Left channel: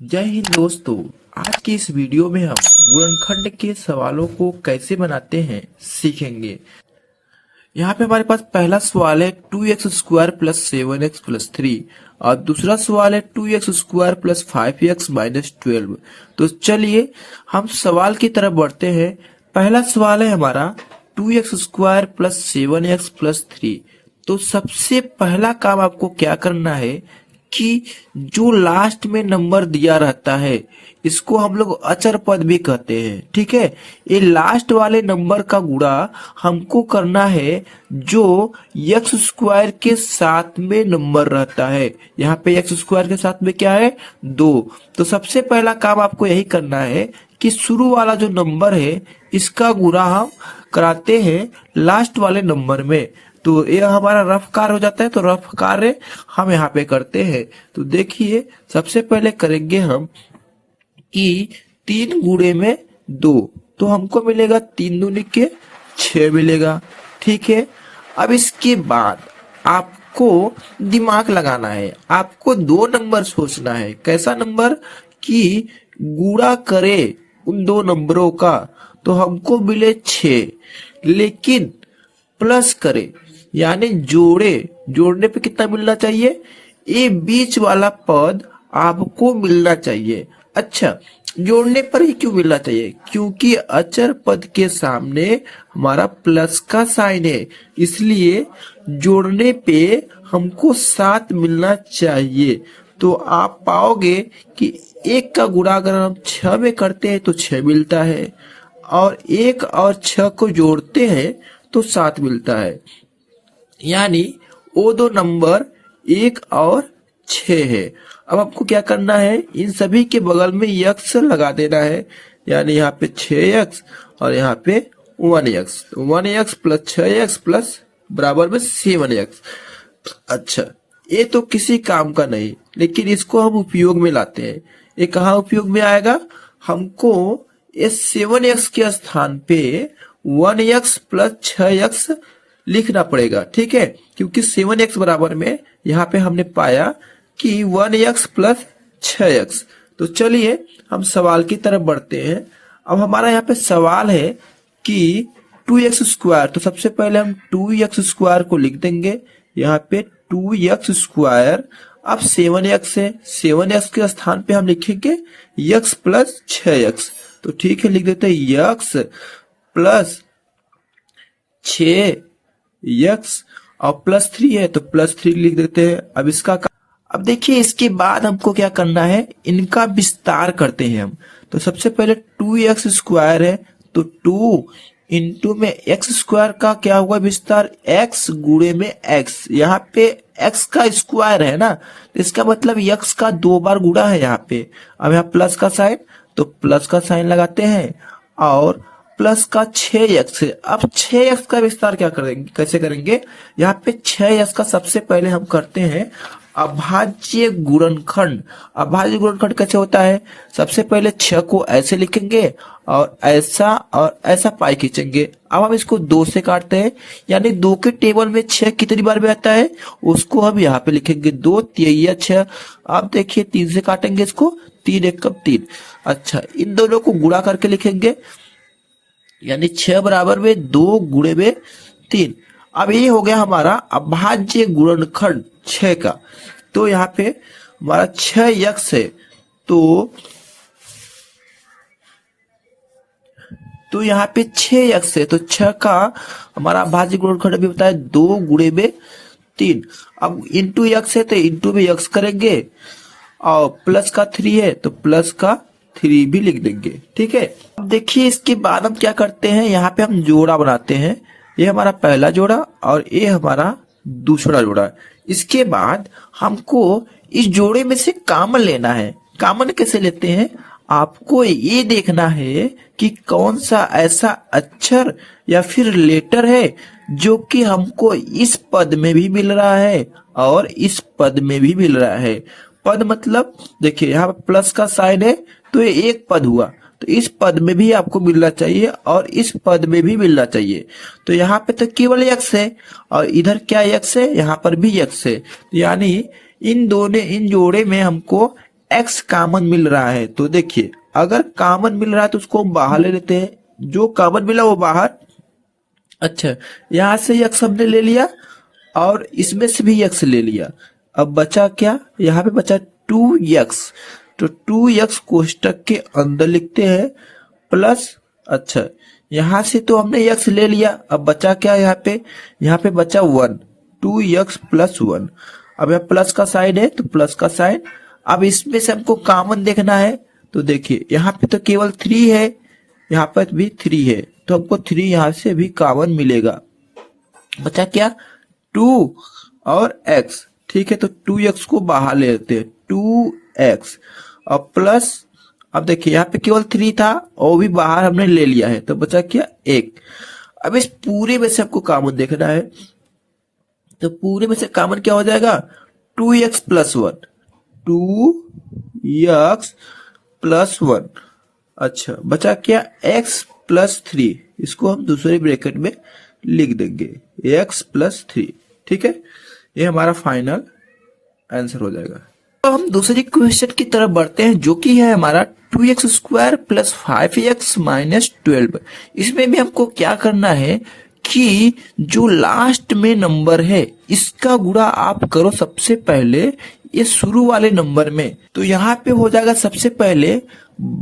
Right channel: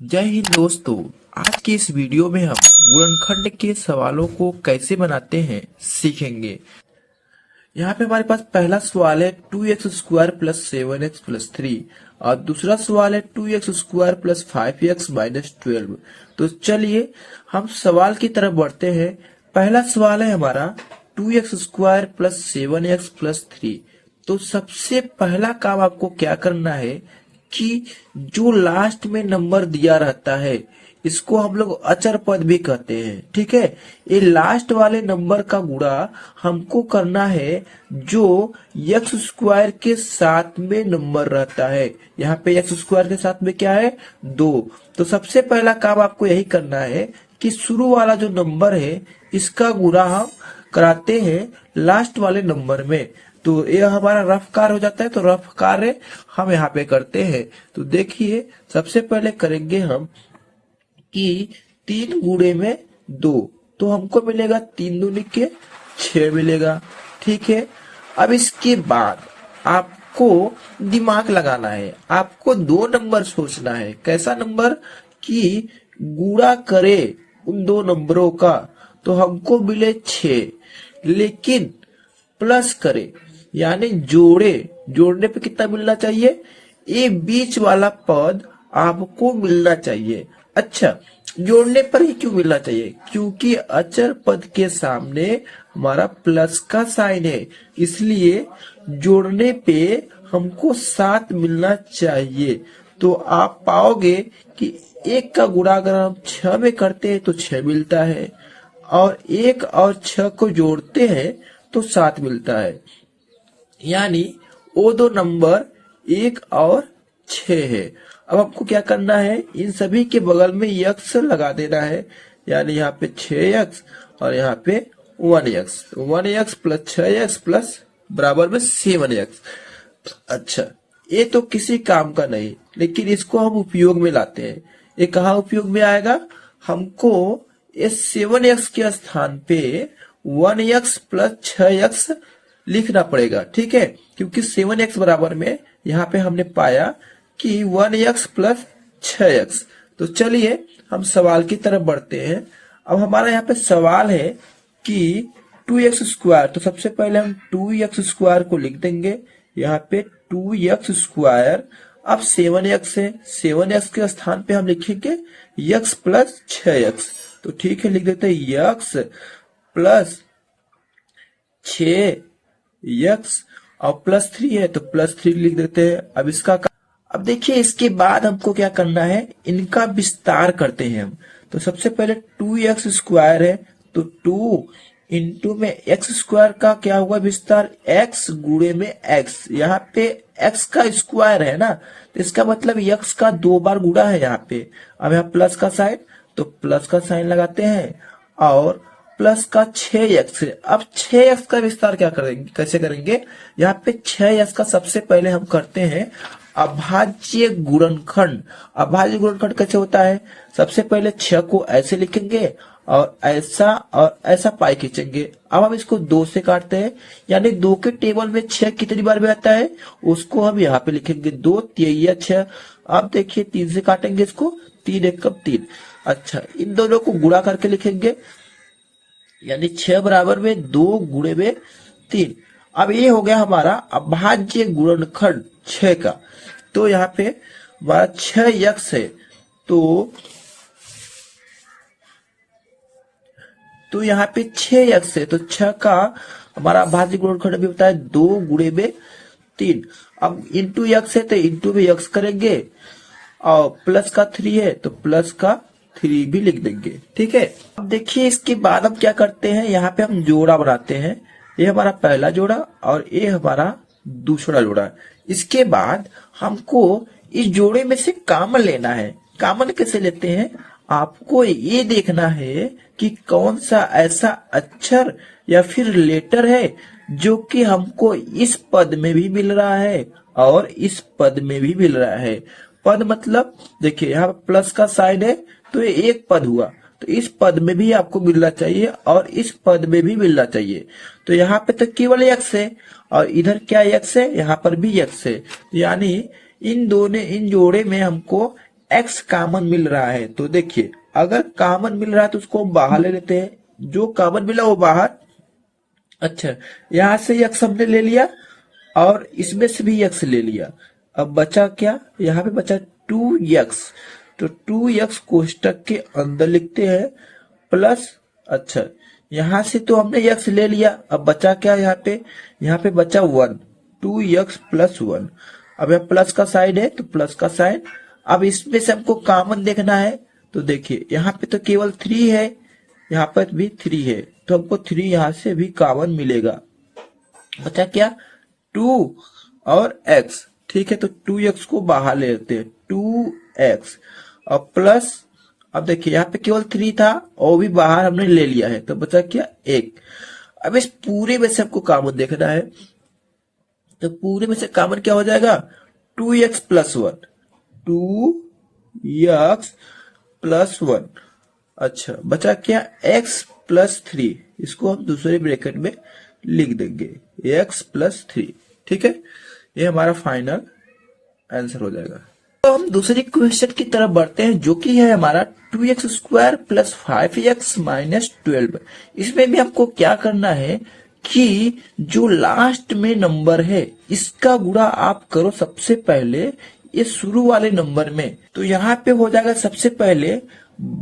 जय हिंद दोस्तों। आज की इस वीडियो में हम गुणनखंड के सवालों को कैसे बनाते हैं सीखेंगे। यहाँ पे हमारे पास पहला सवाल है 2x² प्लस 7x प्लस 3 और दूसरा सवाल है 2x² प्लस 5x माइनस 12। तो चलिए हम सवाल की तरफ बढ़ते हैं। पहला सवाल है हमारा 2x² प्लस 7x प्लस 3। तो सबसे पहला काम आपको क्या करना है कि जो लास्ट में नंबर दिया रहता है इसको हम लोग अचर पद भी कहते हैं। ठीक है, ये लास्ट वाले नंबर का गुणा हमको करना है जो x² के साथ में नंबर रहता है। यहाँ पे x² के साथ में क्या है 2। तो सबसे पहला काम आपको यही करना है कि शुरू वाला जो नंबर है इसका गुणा हम कराते हैं लास्ट वाले नंबर में। तो ये हमारा रफ कार्य हो जाता है। तो रफ कार्य हम यहाँ पे करते हैं। तो देखिए सबसे पहले करेंगे हम कि 3 गुणे में 2, तो हमको मिलेगा 3 दूनी के 6 मिलेगा। ठीक है, अब इसके बाद आपको दिमाग लगाना है, आपको 2 नंबर सोचना है। कैसा नंबर कि गुणा करे उन 2 नंबरों का तो हमको मिले 6, लेकिन प्लस करे यानी जोड़ने पे कितना मिलना चाहिए, ये बीच वाला पद आपको मिलना चाहिए। अच्छा, जोड़ने पर ही क्यों मिलना चाहिए? क्योंकि अचर पद के सामने हमारा प्लस का साइन है, इसलिए जोड़ने पे हमको 7 मिलना चाहिए। तो आप पाओगे कि 1 का गुणा अगर हम 6 में करते हैं तो 6 मिलता है, और 1 और 6 को जोड़ते हैं तो 7 मिलता है। यानी वो 2 नंबर 1 और 6 है। अब आपको क्या करना है, इन सभी के बगल में x लगा देना है। यानी यहाँ पे 6x और यहाँ पे 1x, 1x plus 6x plus बराबर में 7x। अच्छा, ये तो किसी काम का नहीं, लेकिन इसको हम उपयोग में लाते हैं। ये कहाँ उपयोग में आएगा? हमको इस 7x के स्थान पे 1x प्लस 6x लिखना पड़ेगा। ठीक है, क्योंकि 7x बराबर में यहाँ पे हमने पाया कि 1x प्लस 6x। तो चलिए हम सवाल की तरफ बढ़ते हैं। अब हमारा यहाँ पे सवाल है कि 2x²। तो सबसे पहले हम 2x² को लिख देंगे यहाँ पे 2x²। अब 7x है, 7x के स्थान पे हम लिखेंगे x प्लस 6x। तो ठीक है, लिख देते हैं x प्लस 6x और प्लस 3 है तो प्लस 3 लिख देते हैं। अब देखिए इसके बाद हमको क्या करना है, इनका विस्तार करते हैं हम। तो सबसे पहले 2x² है तो 2 इंटू में x² का क्या हुआ विस्तार, x गुणे में x। यहाँ पे x का स्क्वायर है ना, तो इसका मतलब x का 2 बार गुणा है यहाँ पे। अब यहाँ प्लस का साइन, तो प्लस का साइन लगाते हैं और प्लस का 6x है। अब 6x का विस्तार क्या करेंगे, कैसे करेंगे? यहाँ पे 6x का सबसे पहले हम करते हैं अभाज्य गुणनखंड। अभाज्य गुणनखंड कैसे होता है? सबसे पहले 6 को ऐसे लिखेंगे और ऐसा पाई खींचेंगे। अब हम इसको 2 से काटते हैं, यानी 2 के टेबल में 6 कितनी बार में आता है उसको हम यहाँ पे लिखेंगे 2 तिया 6। अब देखिए 3 से काटेंगे इसको, 3 1 कब 3। अच्छा, इन दोनों को गुणा करके लिखेंगे, यानी 6 बराबर में 2 गुणे में 3। अब ये हो गया हमारा अभाज्य गुणनखंड 6 का। तो यहाँ पे हमारा 6x है, तो यहाँ पे 6x है, तो 6 का हमारा अभाज्य गुणनखंड भी होता है 2 गुणे में 3। अब इंटू x है तो इंटू में x करेंगे, और प्लस का 3 है तो प्लस का 3 भी लिख देंगे। ठीक है, अब देखिए इसके बाद हम क्या करते हैं, यहाँ पे हम जोड़ा बनाते हैं। ये हमारा पहला जोड़ा और ये हमारा दूसरा जोड़ा। इसके बाद हमको इस जोड़े में से कॉमन लेना है। कॉमन कैसे लेते हैं, आपको ये देखना है कि कौन सा ऐसा अक्षर या फिर लेटर है जो कि हमको इस पद में भी मिल रहा है और इस पद में भी मिल रहा है। पद मतलब देखिए यहाँ प्लस का साइन है तो ये एक पद हुआ, तो इस पद में भी आपको मिलना चाहिए और इस पद में भी मिलना चाहिए। तो यहाँ पे तो केवल x है और इधर क्या x है, यहाँ पर भी x है। यानी इन जोड़े में हमको x कॉमन मिल रहा है, तो देखिए अगर कॉमन मिल रहा है तो उसको हम बाहर ले लेते हैं, जो कॉमन मिला वो बाहर। अच्छा, यहां से x हमने ले लिया और इसमें से भी x ले लिया। अब बचा क्या, यहाँ पे बचा 2x, तो 2x कोष्टक के अंदर लिखते हैं प्लस। अच्छा, यहां से तो हमने x ले लिया, अब बचा क्या यहाँ पे बचा 1, 2x प्लस 1। अब यहाँ प्लस का साइन है तो प्लस का साइन। अब इसमें से हमको कॉमन देखना है, तो देखिए यहाँ पे तो केवल 3 है, यहाँ पर भी 3 है, तो हमको 3 यहाँ से भी कॉमन मिलेगा। बचा क्या, 2 और x। ठीक है, तो 2x को बाहर ले लेते हैं, 2x और प्लस। अब देखिए यहाँ पे केवल 3 था और भी बाहर हमने ले लिया है, तो बचा क्या, 1। अब इस पूरे में से हमको कॉमन देखना है, तो पूरे में से कॉमन क्या हो जाएगा, 2x प्लस 1, 2x प्लस 1। अच्छा, बचा क्या, x प्लस 3, इसको हम दूसरे ब्रैकेट में लिख देंगे, x प्लस 3। ठीक है, ये हमारा फाइनल आंसर हो जाएगा। तो हम दूसरी क्वेश्चन की तरफ बढ़ते हैं, जो कि है हमारा 2x square plus 5x minus 12। इसमें भी हमको क्या करना है कि जो लास्ट में नंबर है इसका गुणा आप करो सबसे पहले ये शुरू वाले नंबर में। तो यहाँ पे हो जाएगा सबसे पहले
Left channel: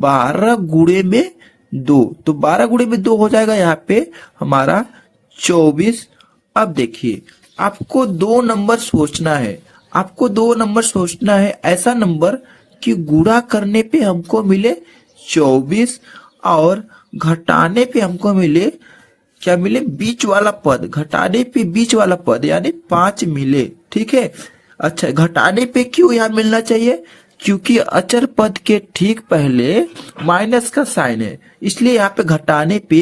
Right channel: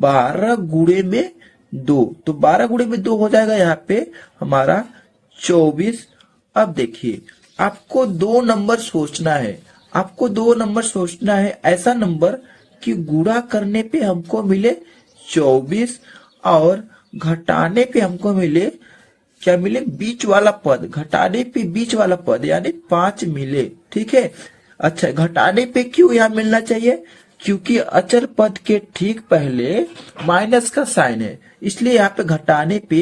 12 गुणे में 2, तो 12 गुणे में 2 हो जाएगा यहाँ पे हमारा 24। अब देखिए आपको 2 नंबर सोचना है, आपको 2 नंबर सोचना है, ऐसा नंबर कि गुणा करने पे हमको मिले 24 और घटाने पे हमको मिले क्या, मिले बीच वाला पद, घटाने पे बीच वाला पद यानी 5 मिले। ठीक है, अच्छा घटाने पे क्यों यहाँ मिलना चाहिए, क्योंकि अचर पद के ठीक पहले माइनस का साइन है, इसलिए यहाँ पे घटाने पे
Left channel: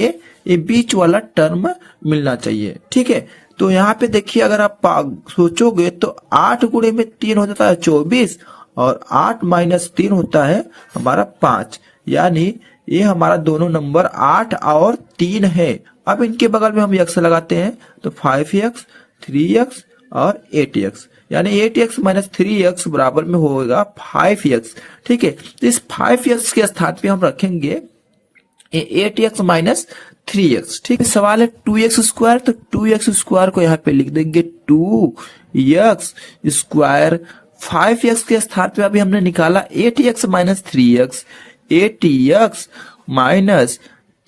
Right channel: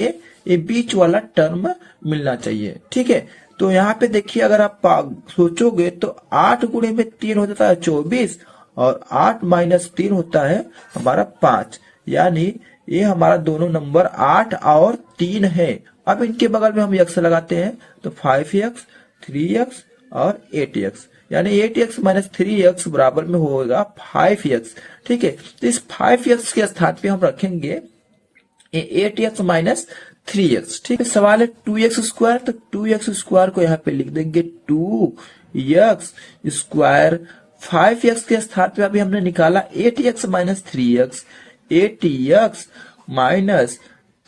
ये बीच वाला टर्म मिलना चाहिए। ठीक है, तो यहाँ पे देखिए अगर आप सोचोगे तो 8 गुणे में 3 हो जाता है 24 और 8 माइनस 3 होता है हमारा 5, यानी ये हमारा दोनों नंबर 8 और 3 है। अब इनके बगल में हम x लगाते हैं, तो 5x, 3x और 8x, यानी 8x माइनस 3x बराबर में होगा 5x। ठीक है, तो इस 5x के स्थान पे हम रखेंगे 8x माइनस 3x। ठीक है, सवाल है 2x स्क्वायर, तो 2x स्क्वायर को यहाँ पे लिख देंगे 2x स्क्वायर। 5x के स्थान पे अभी हमने निकाला 8x minus 3x, 8x minus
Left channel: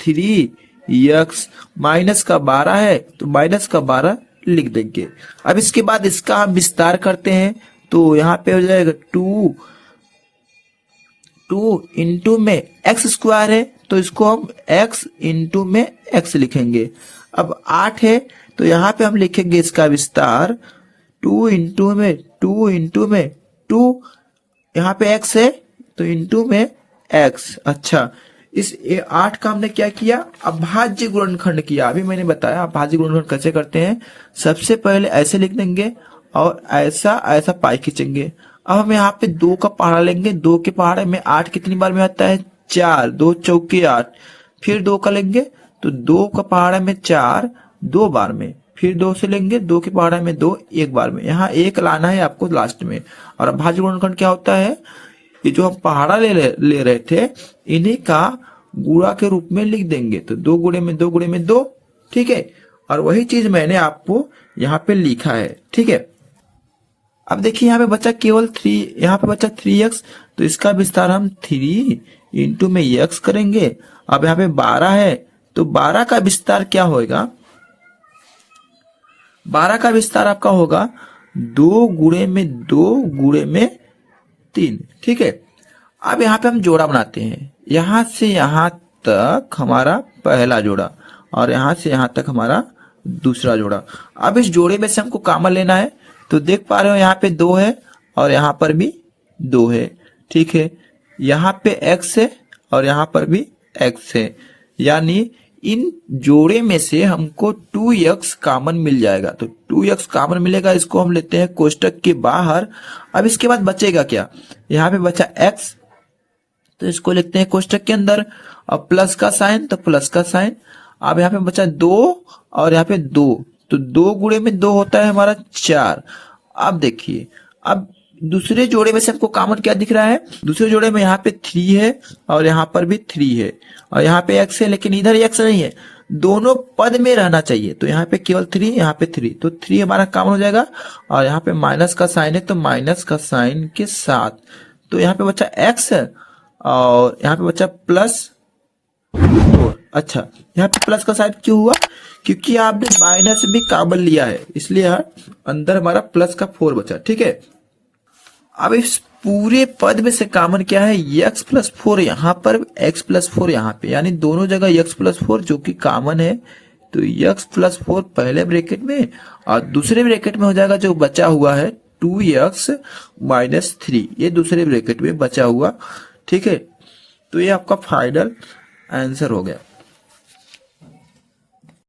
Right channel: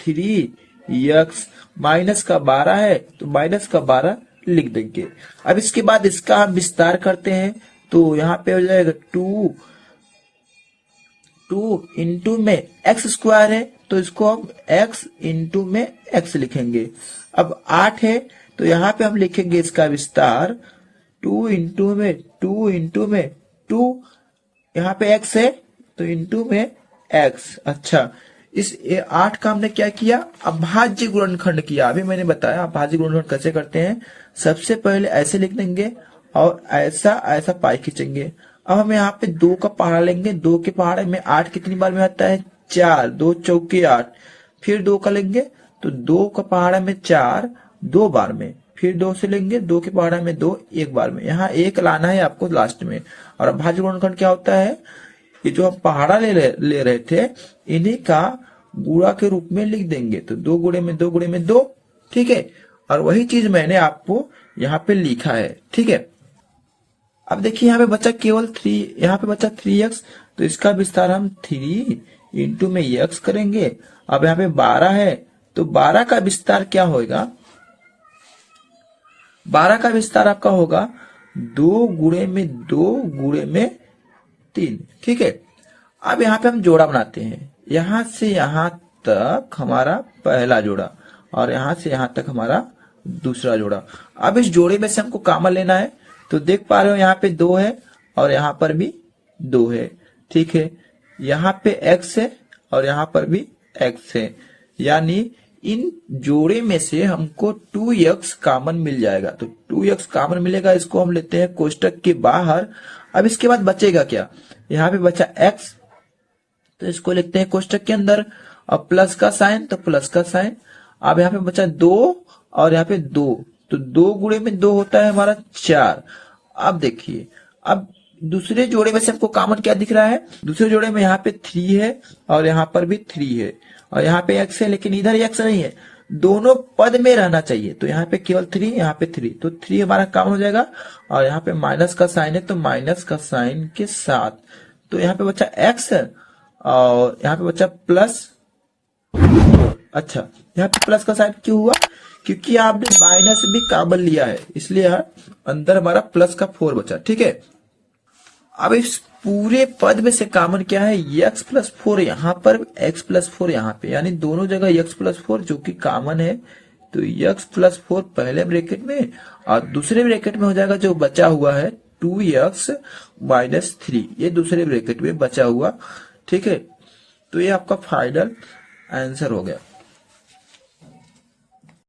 3x, minus का 12 है तो माइनस का 12 लिख देंगे। अब इसके बाद इसका हम विस्तार करते हैं, तो यहाँ पे हो जाएगा 2 इंटू में x स्क्वायर है तो इसको हम x इंटू में x लिखेंगे। अब 8 है तो यहाँ पे हम लिखेंगे इसका विस्तार 2 इंटू में 2, यहाँ पे x है तो इंटू में x। अच्छा, इस 8 का हमने क्या किया, अभाज्य गुणनखंड किया। अभी मैंने बताया अभाज्य गुणनखंड कैसे करते हैं, सबसे पहले ऐसे लिख देंगे और ऐसा ऐसा पाई खींचेंगे। अब हम यहाँ पे 2 का पहाड़ा लेंगे, 2 के पहाड़े में 8 कितनी बार में आता है, 4, 2 चौके 8, फिर 2 का लेंगे तो 2 का पहाड़ा में 4 2 बार में, फिर 2 से लेंगे 2 के पहाड़ा में 2 1 बार में, यहाँ 1 लाना है आपको लास्ट में। और अभाज्य गुणनखंड क्या होता है, ये जो हम पहाड़ा ले रहे थे इन्हीं का गुणा के रूप में लिख देंगे, तो 2 गुणे में 2 गुणे में 2। ठीक है, और वही चीज मैंने आपको यहाँ पे लिखा है। ठीक है, अब देखिए यहाँ पे बचा केवल 3, यहाँ पे बचा 3x, तो इसका विस्तार हम 3 इंटू में x करेंगे। अब यहाँ पे 12 है तो 12 का विस्तार क्या होगा, 12 का विस्तार आपका होगा 2 गुणे में 2 गुणे में 3। ठीक है, अब यहाँ पे हम जोड़ा बनाते हैं, यहां से यहां तक हमारा पहला जोड़ा और यहां से यहां तक हमारा दूसरा जोड़ा। अब इस जोड़े में से हमको कॉमन लेना है, तो देख पा रहे हो यहाँ पे 2 है और यहाँ पर भी 2 है। ठीक है, यहाँ पे x है और यहाँ पर भी x है, यानी इन जोड़े में से हमको 2x कॉमन मिल जाएगा। तो 2x कॉमन मिलेगा, इसको हम लेते हैं कोष्टक के बाहर। अब इसके बाद बचेगा क्या, यहाँ पे बचा x, तो इसको लिखते हैं कोष्टक के अंदर और प्लस का साइन तो प्लस का साइन। अब यहाँ पे बचा 2 और यहाँ पे 2, तो 2 गुणे में 2 होता है हमारा 4। अब देखिए, अब दूसरे जोड़े में से आपको कॉमन क्या दिख रहा है? दूसरे जोड़े में यहाँ पे 3 है और यहाँ पर भी 3 है और यहाँ पे x है, लेकिन इधर x नहीं है, दोनों पद में रहना चाहिए। तो यहाँ पे केवल 3, यहाँ पे 3, तो 3 हमारा कॉमन हो जाएगा और यहाँ पे माइनस का साइन है तो माइनस का साइन के साथ, तो यहाँ पे बचा x और यहाँ पे बचा प्लस। अच्छा, यहाँ पे प्लस का साइन क्यों हुआ? क्योंकि आपने माइनस भी कॉमन लिया है, इसलिए यहाँ अंदर हमारा प्लस का 4 बचा। ठीक है, अब इस पूरे पद में से कॉमन क्या है? x प्लस 4 यहाँ पर, x प्लस 4 यहाँ पे, यानी दोनों जगह x प्लस 4 जो कि कॉमन है। तो x प्लस 4 पहले ब्रैकेट में और दूसरे ब्रैकेट में हो जाएगा जो बचा हुआ है 2x माइनस 3, ये दूसरे ब्रैकेट में बचा हुआ। ठीक है, तो ये आपका फाइनल आंसर हो गया।